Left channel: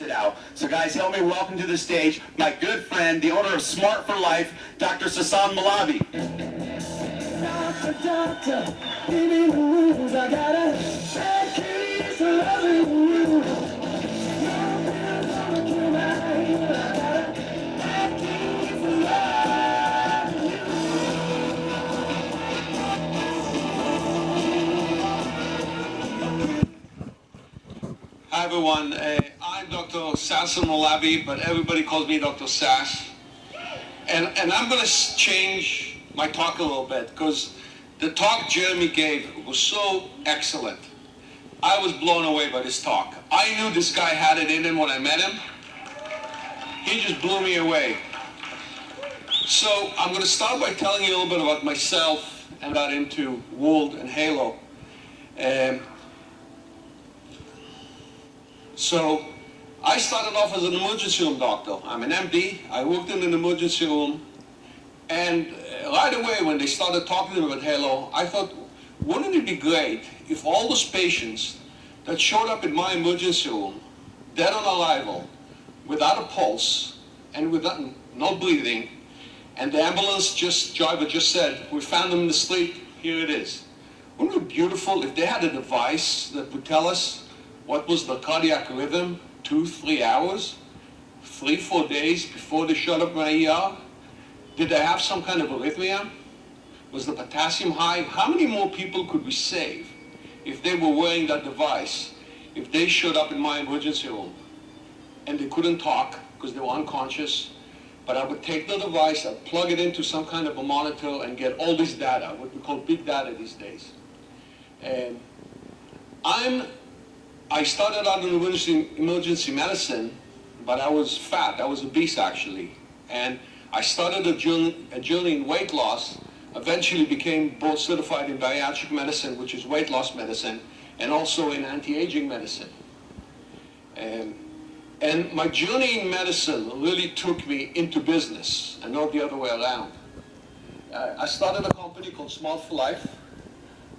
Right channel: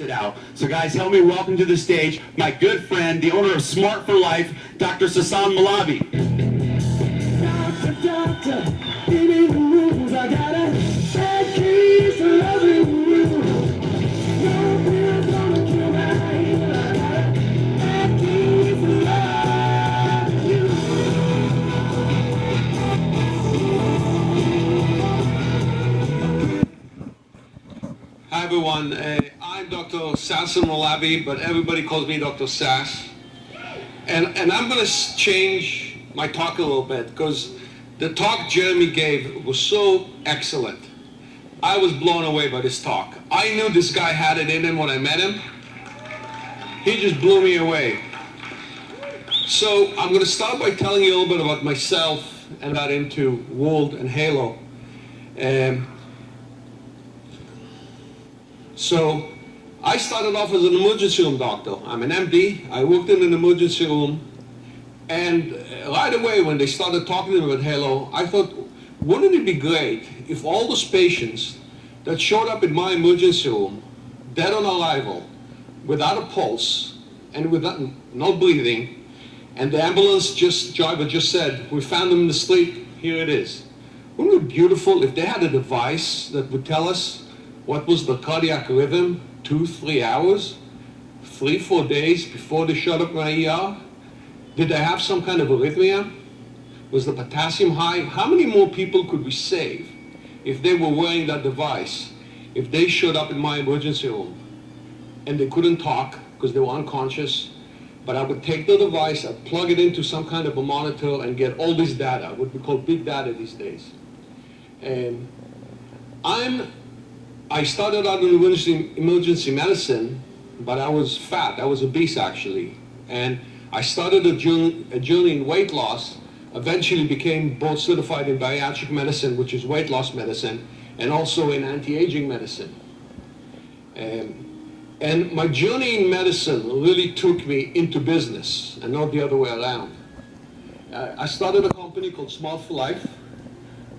it out. So guys, help me welcome to the stage my good friend, the owner of Smart for Life, Dr. Moulavi. Doctor, give me the rules. I got a bad case of loving you. No pills gonna cure my pain. I got a bad case of loving you. Hi everyone, I'm Dr. Moulavi, but everybody calls me Dr. Sass. And I'm going to change my talk a little bit because the talk Jeremy gave was so excellent. I was blown away by this talk. I knew this guy had it in him when I met him. He just blew me away. So I'm going to start by telling you a little bit about myself and got into World and Helo. So I started off as an emergency room doctor. I'm an MD. I worked in an emergency room. And right away when they started talking to me about Helo, I thought, wouldn't it be great if all those patients that showed up in my emergency room, dead on arrival, without a pulse, and without no breathing, and the ambulance driver just said, we found them in the street, here it is. Wouldn't it be beautiful if they had a device that would tell us what was the cardiac rhythm 2-3 hours, 3-4 days before they showed up in my ER? Did they have some kind of arrhythmia? Was the potassium high? How many more people could we save if they were wearing that device, if they showed up in my emergency room and they couldn't talk because they were unconscious, but I would take the device, I'd plug it into some kind of a monitor and get all this data, what we call big data these days. And I started out in emergency medicine, but I was fat. I was obese, actually. And I started a journey in weight loss, eventually became board certified in bariatric medicine, which is weight loss medicine, and also in anti-aging medicine. And my journey in medicine really took me into business, and not the other way around. I started a company called Smart for Life,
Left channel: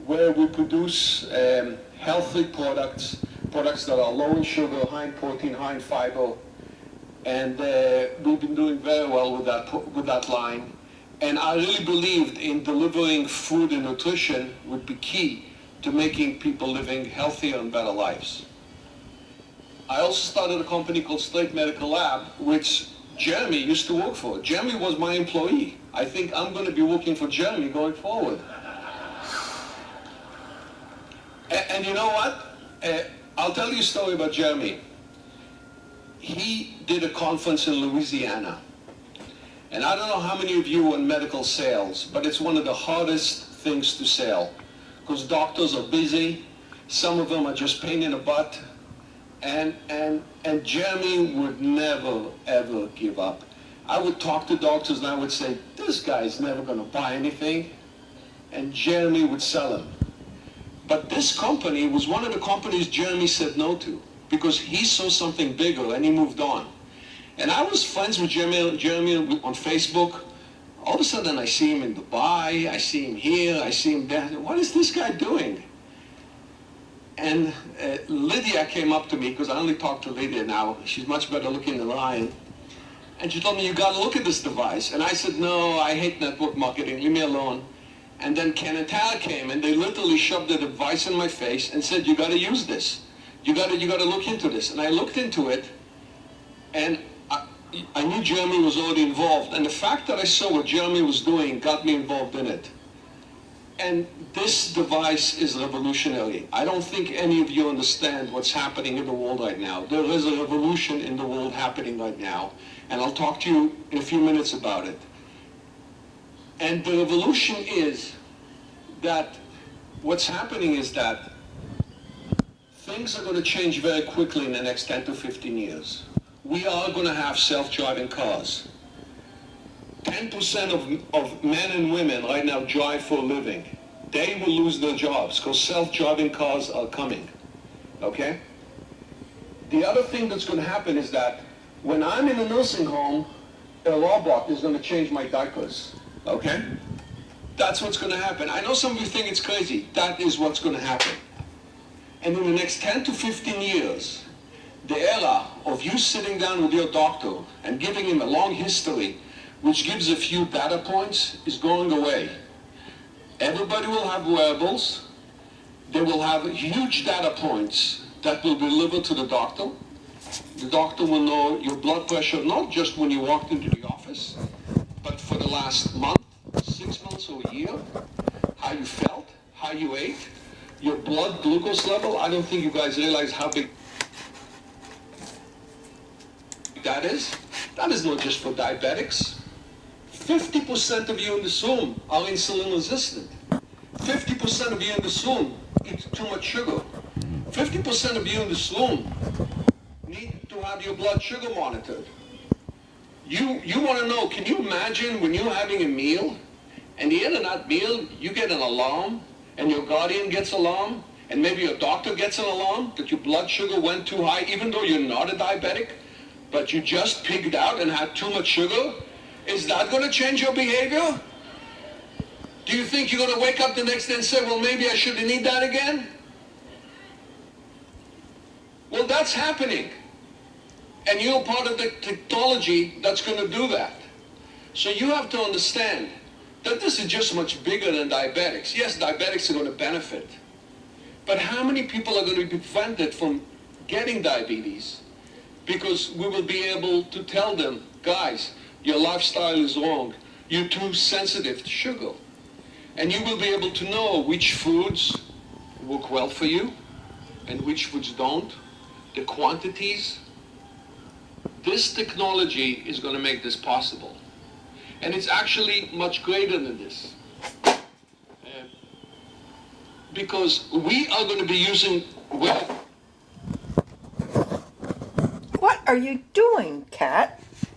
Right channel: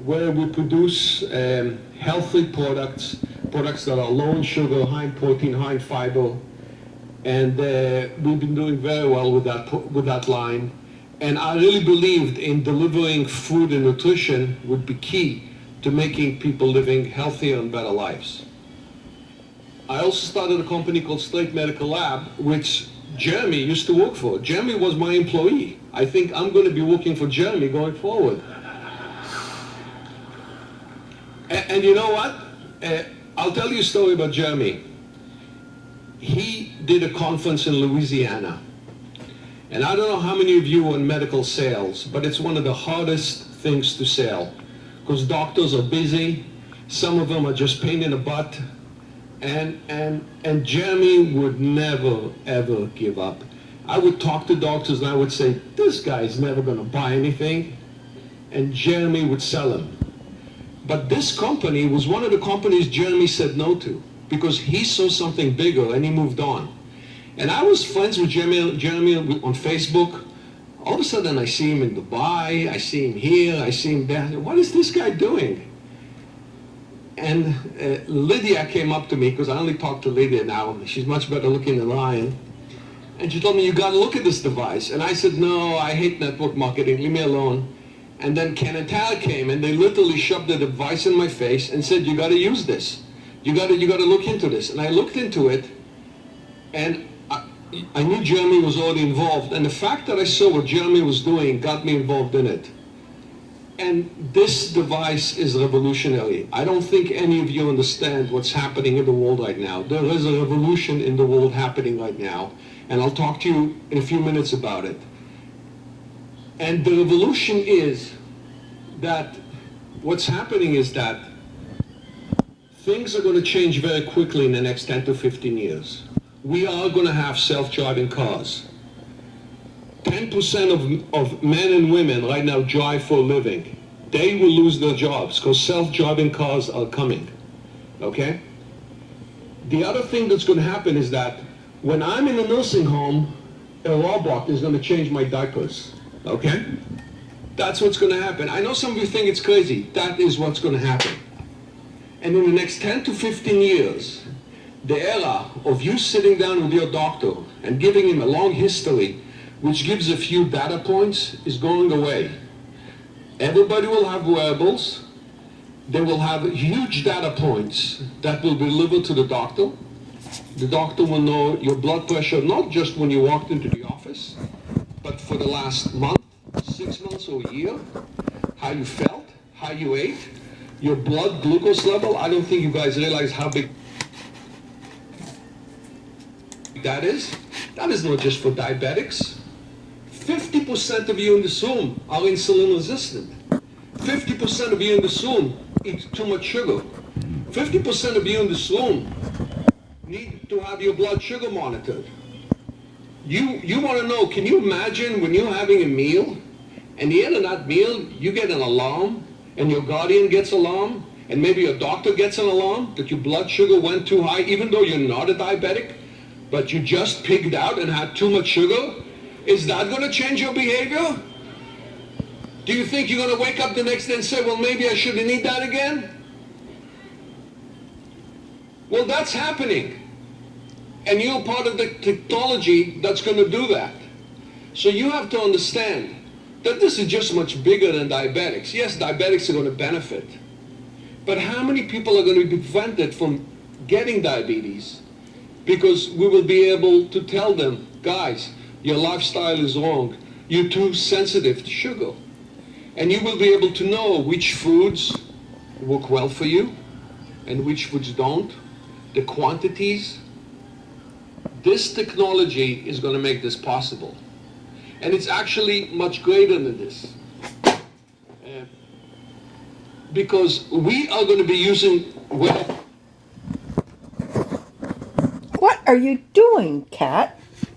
where we produce healthy products that are low in sugar, high in protein, high in fiber, and we've been doing very well with that line. And I really believed in delivering food and nutrition would be key to making people living healthier and better lives. I also started a company called Straight Medical Lab, which Jeremy used to work for. Jeremy was my employee. I think I'm going to be working for Jeremy going forward. And you know what? I'll tell you a story about Jeremy. He did a conference in Louisiana. And I don't know how many of you are in medical sales, but it's one of the hardest things to sell. Because doctors are busy. Some of them are just pain in the butt. And Jeremy would never, ever give up. I would talk to doctors and I would say, this guy's never going to buy anything. And Jeremy would sell them. But this company was one of the companies Jeremy said no to because he saw something bigger and he moved on. And I was friends with Jeremy on Facebook. All of a sudden I see him in Dubai, I see him here, I see him there. What is this guy doing? And Lydia came up to me, because I only talk to Lydia now. She's much better looking than I am. And she told me, you got to look at this device. And I said, no, I hate network marketing, leave me alone. And then Ken and Tara came, and they literally shoved the device in my face and said, you got to use this. You got to look into this. And I looked into it, and I knew Jeremy was already involved. And the fact that I saw what Jeremy was doing got me involved in it. And this device is revolutionary. I don't think any of you understand what's happening in the world right now. There is a revolution in the world happening right now. And I'll talk to you in a few minutes about it. And the revolution is that what's happening is that things are going to change very quickly in the next 10 to 15 years. We are going to have self-driving cars. 10% of men and women right now drive for a living. They will lose their jobs because self-driving cars are coming. Okay? The other thing that's going to happen is that when I'm in a nursing home, a robot is going to change my diapers. Okay? That's what's going to happen. I know some of you think it's crazy. That is what's going to happen. And in the next 10 to 15 years, The era of you sitting down with your doctor and giving him a long history, which gives a few data points, is going away. Everybody will have wearables. They will have huge data points that will be delivered to the doctor. The doctor will know your blood pressure, not just when you walked into the office, but for the last month, 6 months or a year, how you felt, how you ate, your blood glucose level. I don't think you guys realize how big that is. That is not just for diabetics. 50% of you in this room are insulin resistant. 50% of you in this room eat too much sugar. 50% of you in this room need to have your blood sugar monitored. You want to know, can you imagine when you're having a meal, and the end of that meal, you get an alarm, and your guardian gets alarm, and maybe your doctor gets an alarm that your blood sugar went too high, even though you're not a diabetic, but you just pigged out and had too much sugar? Is that going to change your behavior? Do you think you're going to wake up the next day and say, well, maybe I shouldn't eat that again? Well, that's happening. And you're part of the technology that's going to do that. So you have to understand that this is just much bigger than diabetics. Yes, diabetics are going to benefit. But how many people are going to be prevented from getting diabetes? Because we will be able to tell them, guys, your lifestyle is wrong. You're too sensitive to sugar. And you will be able to know which foods work well for you and which foods don't, the quantities. This technology is going to make this possible. And it's actually much greater than this. Because we are going to be using... What are you doing, Kat?